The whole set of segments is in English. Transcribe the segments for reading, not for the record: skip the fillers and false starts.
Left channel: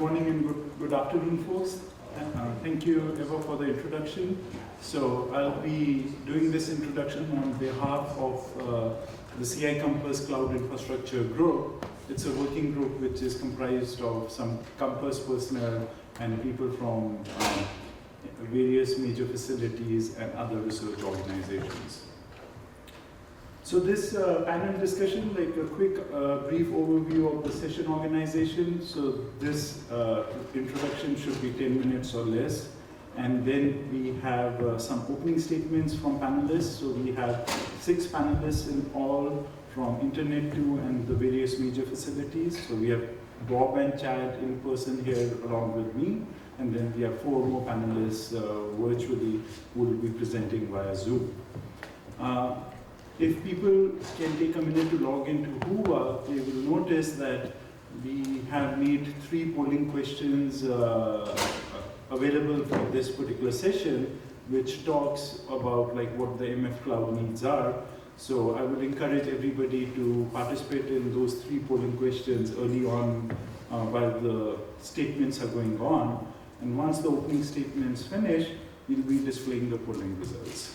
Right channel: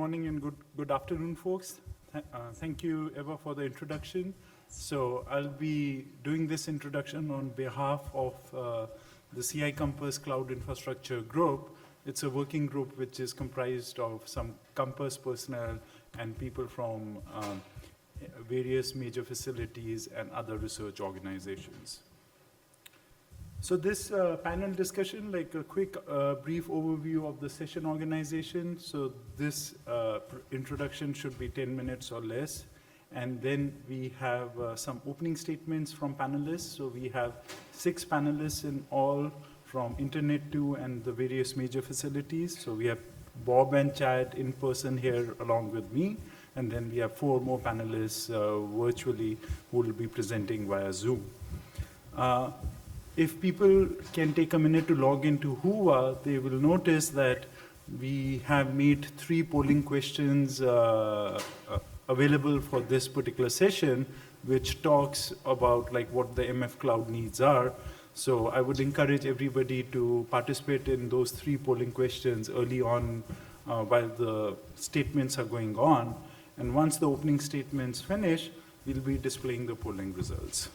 morning and good afternoon, folks. Thank you, Eva, for the introduction. So I'll be doing this introduction on behalf of the CI Compass Cloud Infrastructure Group. It's a working group which is comprised of some Compass personnel and people from various major facilities and other research organizations. So this panel discussion, like a quick brief overview of the session organization. So this introduction should be 10 minutes or less. And then we have some opening statements from panelists. So we have 6 panelists in all from Internet 2 and the various major facilities. So we have Bob and Chad in person here along with me. And then we have 4 more panelists virtually who will be presenting via Zoom. If people can take a minute to log into Whova, they will notice that we have made 3 polling questions available for this particular session, which talks about like what the MF cloud needs are. So I would encourage everybody to participate in those 3 polling questions early on while the statements are going on. And once the opening statements finish, we'll be displaying the polling results.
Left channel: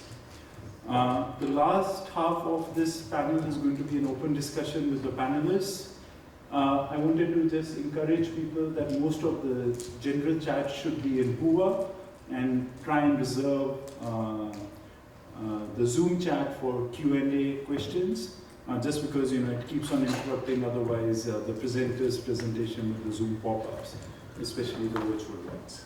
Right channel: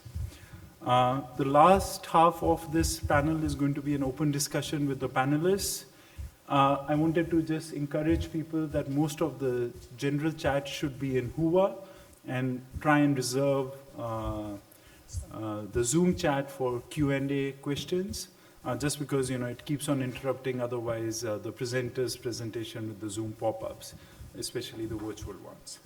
The last half of this panel is going to be an open discussion with the panelists. I wanted to just encourage people that most of the general chat should be in Whova and try and reserve the Zoom chat for Q&A questions, just because it keeps on interrupting otherwise the presenter's presentation with the Zoom pop-ups, especially the virtual ones.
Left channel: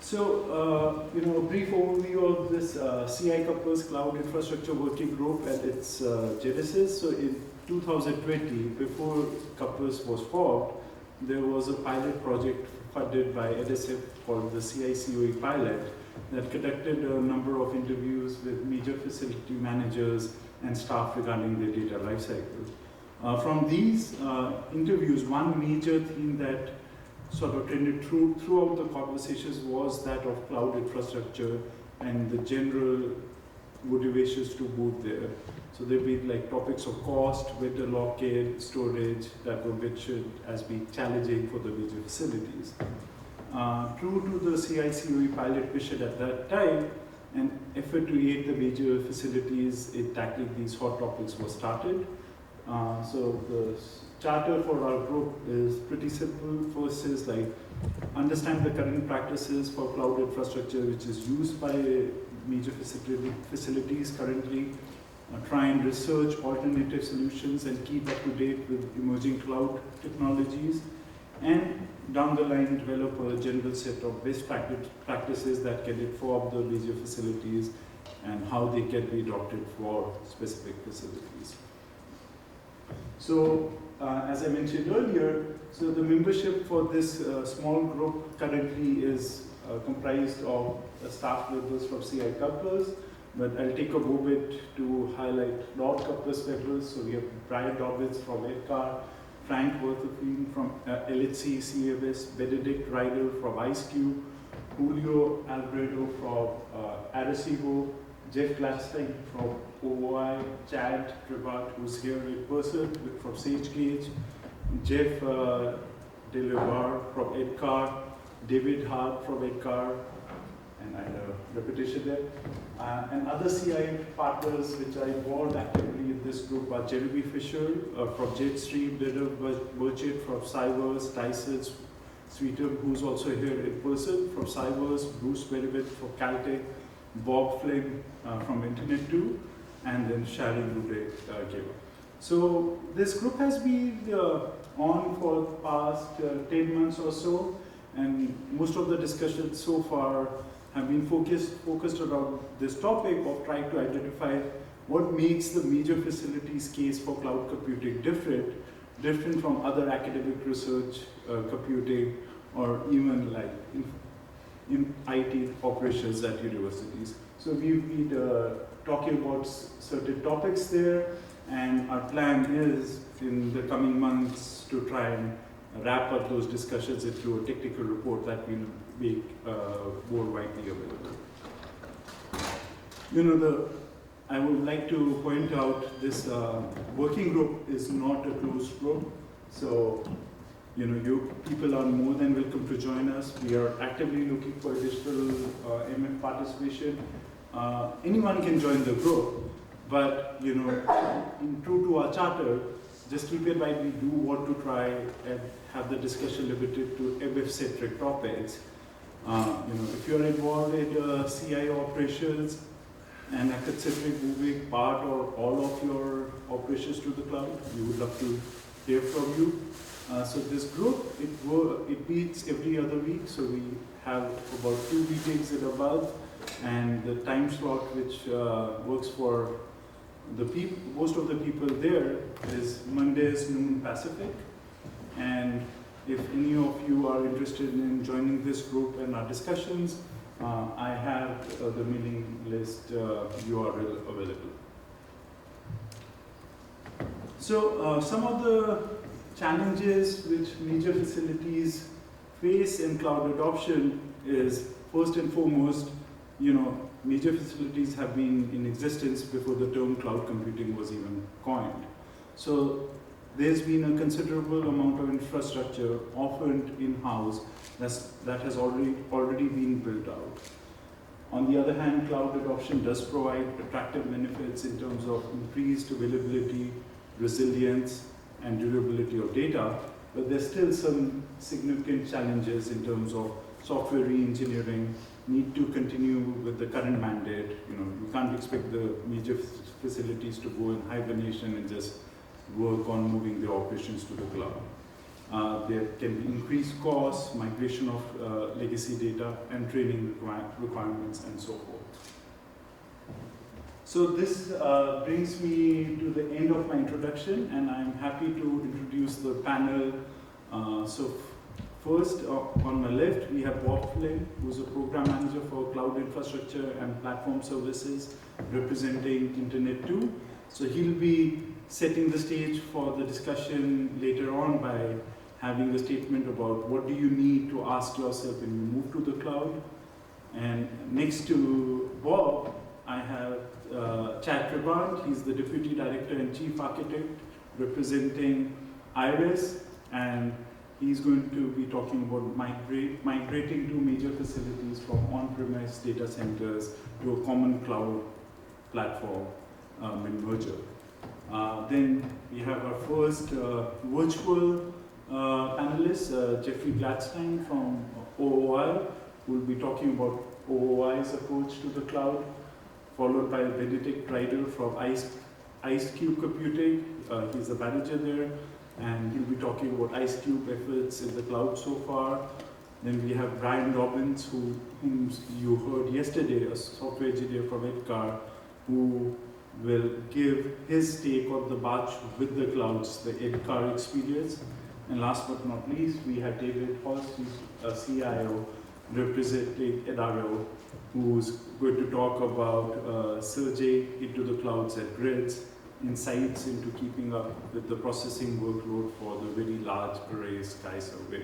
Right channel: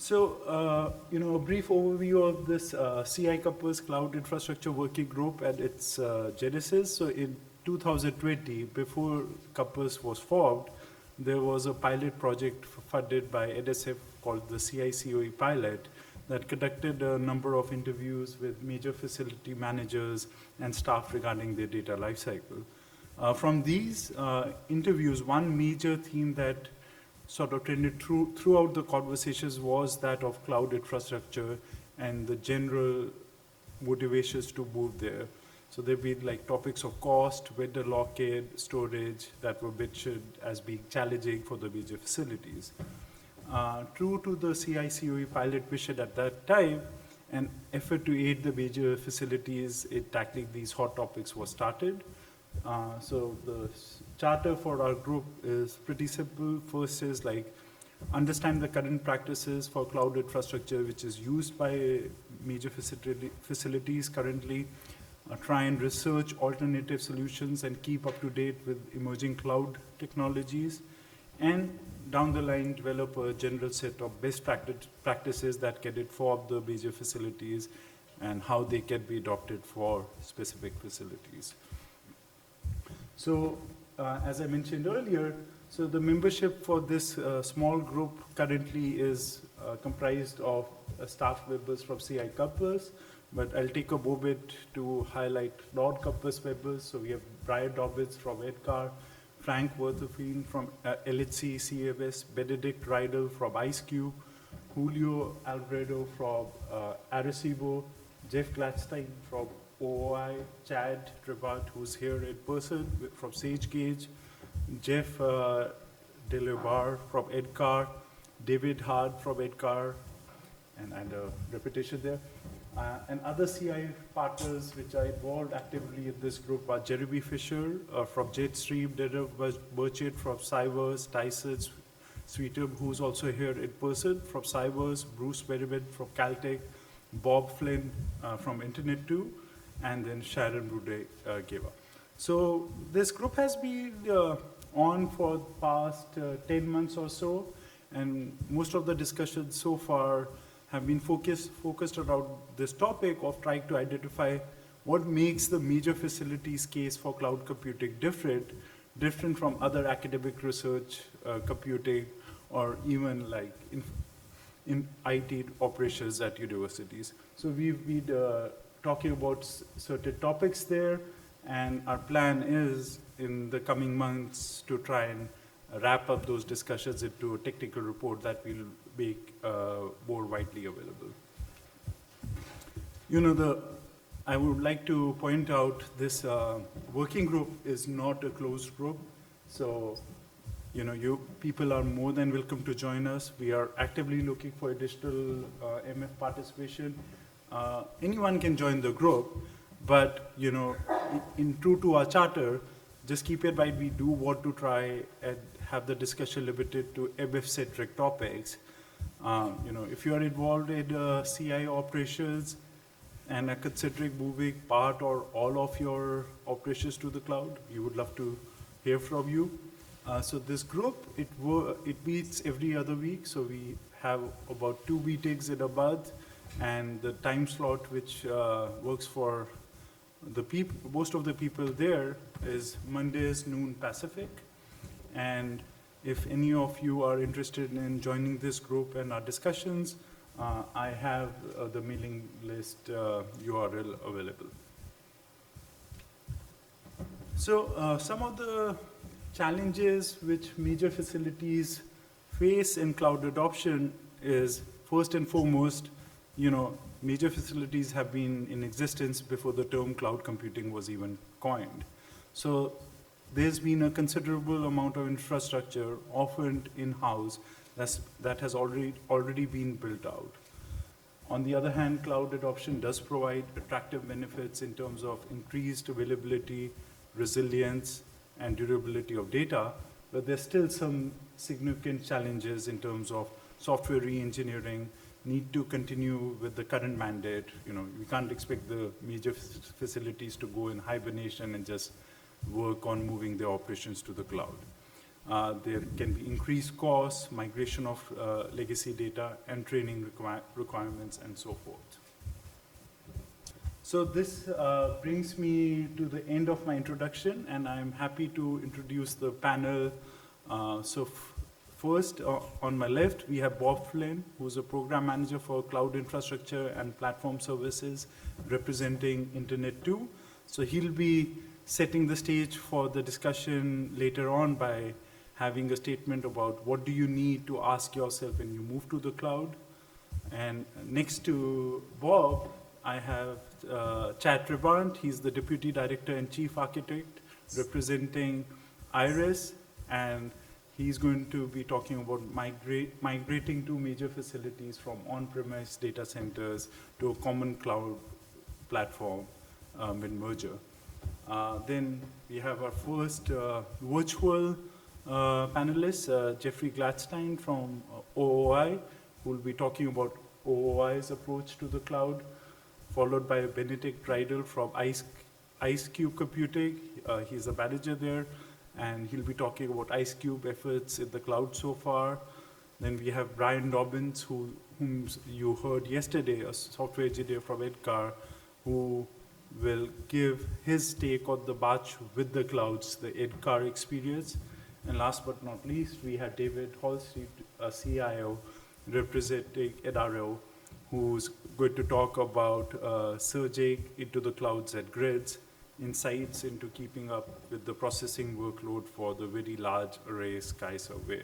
So, a brief overview of this CI Compass Cloud Infrastructure Working Group and its genesis. So in 2020, before Compass was formed, there was a pilot project funded by NSF called the CI pilot that conducted a number of interviews with major facility managers and staff regarding their data lifecycle. From these interviews, one major theme that sort of trended throughout the conversations was that of cloud infrastructure and the general motivations to move there. So there've been like topics of cost, vendor lock-in, storage that were mentioned as being challenging for the major facilities. True to the CI pilot mission at that time, an effort to aid the major facilities in tackling these hot topics was started. So the charter for our group is pretty simple. First is like understand the current practices for cloud infrastructure which is used by major facilities currently, try and research alternative solutions and keep up to date with emerging cloud technologies, and down the line develop a general set of best practices that can inform the major facilities and how they can be adopted for specific facilities. So, as I mentioned earlier, so the membership for this small group currently is comprised of staff members from CI Compass, but I'll take a moment to highlight non-Compass members. So we have Brian Dobbins from EdCar, Frank Worthofine from LHC CMS, Benedict Rydell from IceCube, Julio Alfredo from Arecibo, Jeff Gladstein from OI, Chad Tribat, who's here in person from SageGauge, Jeff Delebar from EdCar, David Hart from EdCar, and I had a repetition there. And other CI partners which are involved actively in this group are Genevieve Fisher from Jetstream, Dylan Burchett from Cybers, Tyson Sweetum, who's also here in person from Cybers, Bruce Merriman from Caltech, Bob Flynn from Internet 2, and then Sharon Rude-Giver. So this group has been on for the past 10 months or so, and most of the discussions so far have been focused around this topic of trying to identify what makes the major facilities case for cloud computing different from other academic research computing, or even like in IT operations at universities. So we've been talking about certain topics there, and our plan is in the coming months to try and wrap up those discussions into a technical report that will make more widely available. I would like to point out this working group is not a closed group. So, you people are more than welcome to join us. We are actively looking for additional MF participation. Anyone can join the group, but in true to our charter, just keep in mind we do want to try and have the discussion limited to MF-centric topics. If you're involved in CI operations and are considering moving part or all of your operations to the cloud, we would love to hear from you. So this group, it meets every other week, so we have about 2 meetings in a month, and the time slot which works for the people, most of the people there, is Mondays noon Pacific. And if any of you are interested in joining this group and our discussions, I have the mailing list URL available. So some of the challenges which major facilities face in cloud adoption is, first and foremost, major facilities have been in existence before the term cloud computing was even coined. So there's been a considerable amount of infrastructure, often in-house, that has already been built out. On the other hand, cloud adoption does provide attractive benefits in terms of increased availability, resilience, and durability of data, but there's still some significant challenges in terms of software re-engineering, need to continue with the current mandate. You can't expect the major facilities to go in hibernation and just work on moving their operations to the cloud. There can be increased costs, migration of legacy data, and training requirements, and so forth. So this brings me to the end of my introduction, and I'm happy to introduce the panel. First, on my left, we have Bob Flynn, who's a program manager for cloud infrastructure and platform services, representing Internet 2. So he'll be setting the stage for the discussion later on by having a statement about what do you need to ask yourself when you move to the cloud. And next to Bob, I have Chad Trabant. He's the Deputy Director and Chief Architect, representing IRIS, and he's going to be talking about migrating two major facilities from on-premise data centers to a common cloud platform with merger. Then we have our first virtual panelist, Jeffrey Gladstein from OOI, who will be talking about OOI's approach to the cloud, followed by Benedict Rydell from IceCube Computing. He's the manager there, and he'll be talking about IceCube efforts in the cloud so far. Then we have Brian Dobbins, whom you heard yesterday, a software engineer from EDCAR, who will give his take on the march with the clouds, the EDCAR experience. And last but not least, we have David Holst, who's a CIO representing NRO, who's going to talk about surging into the clouds and grids, insights into keeping up with the processing workload for the very large array Sky survey.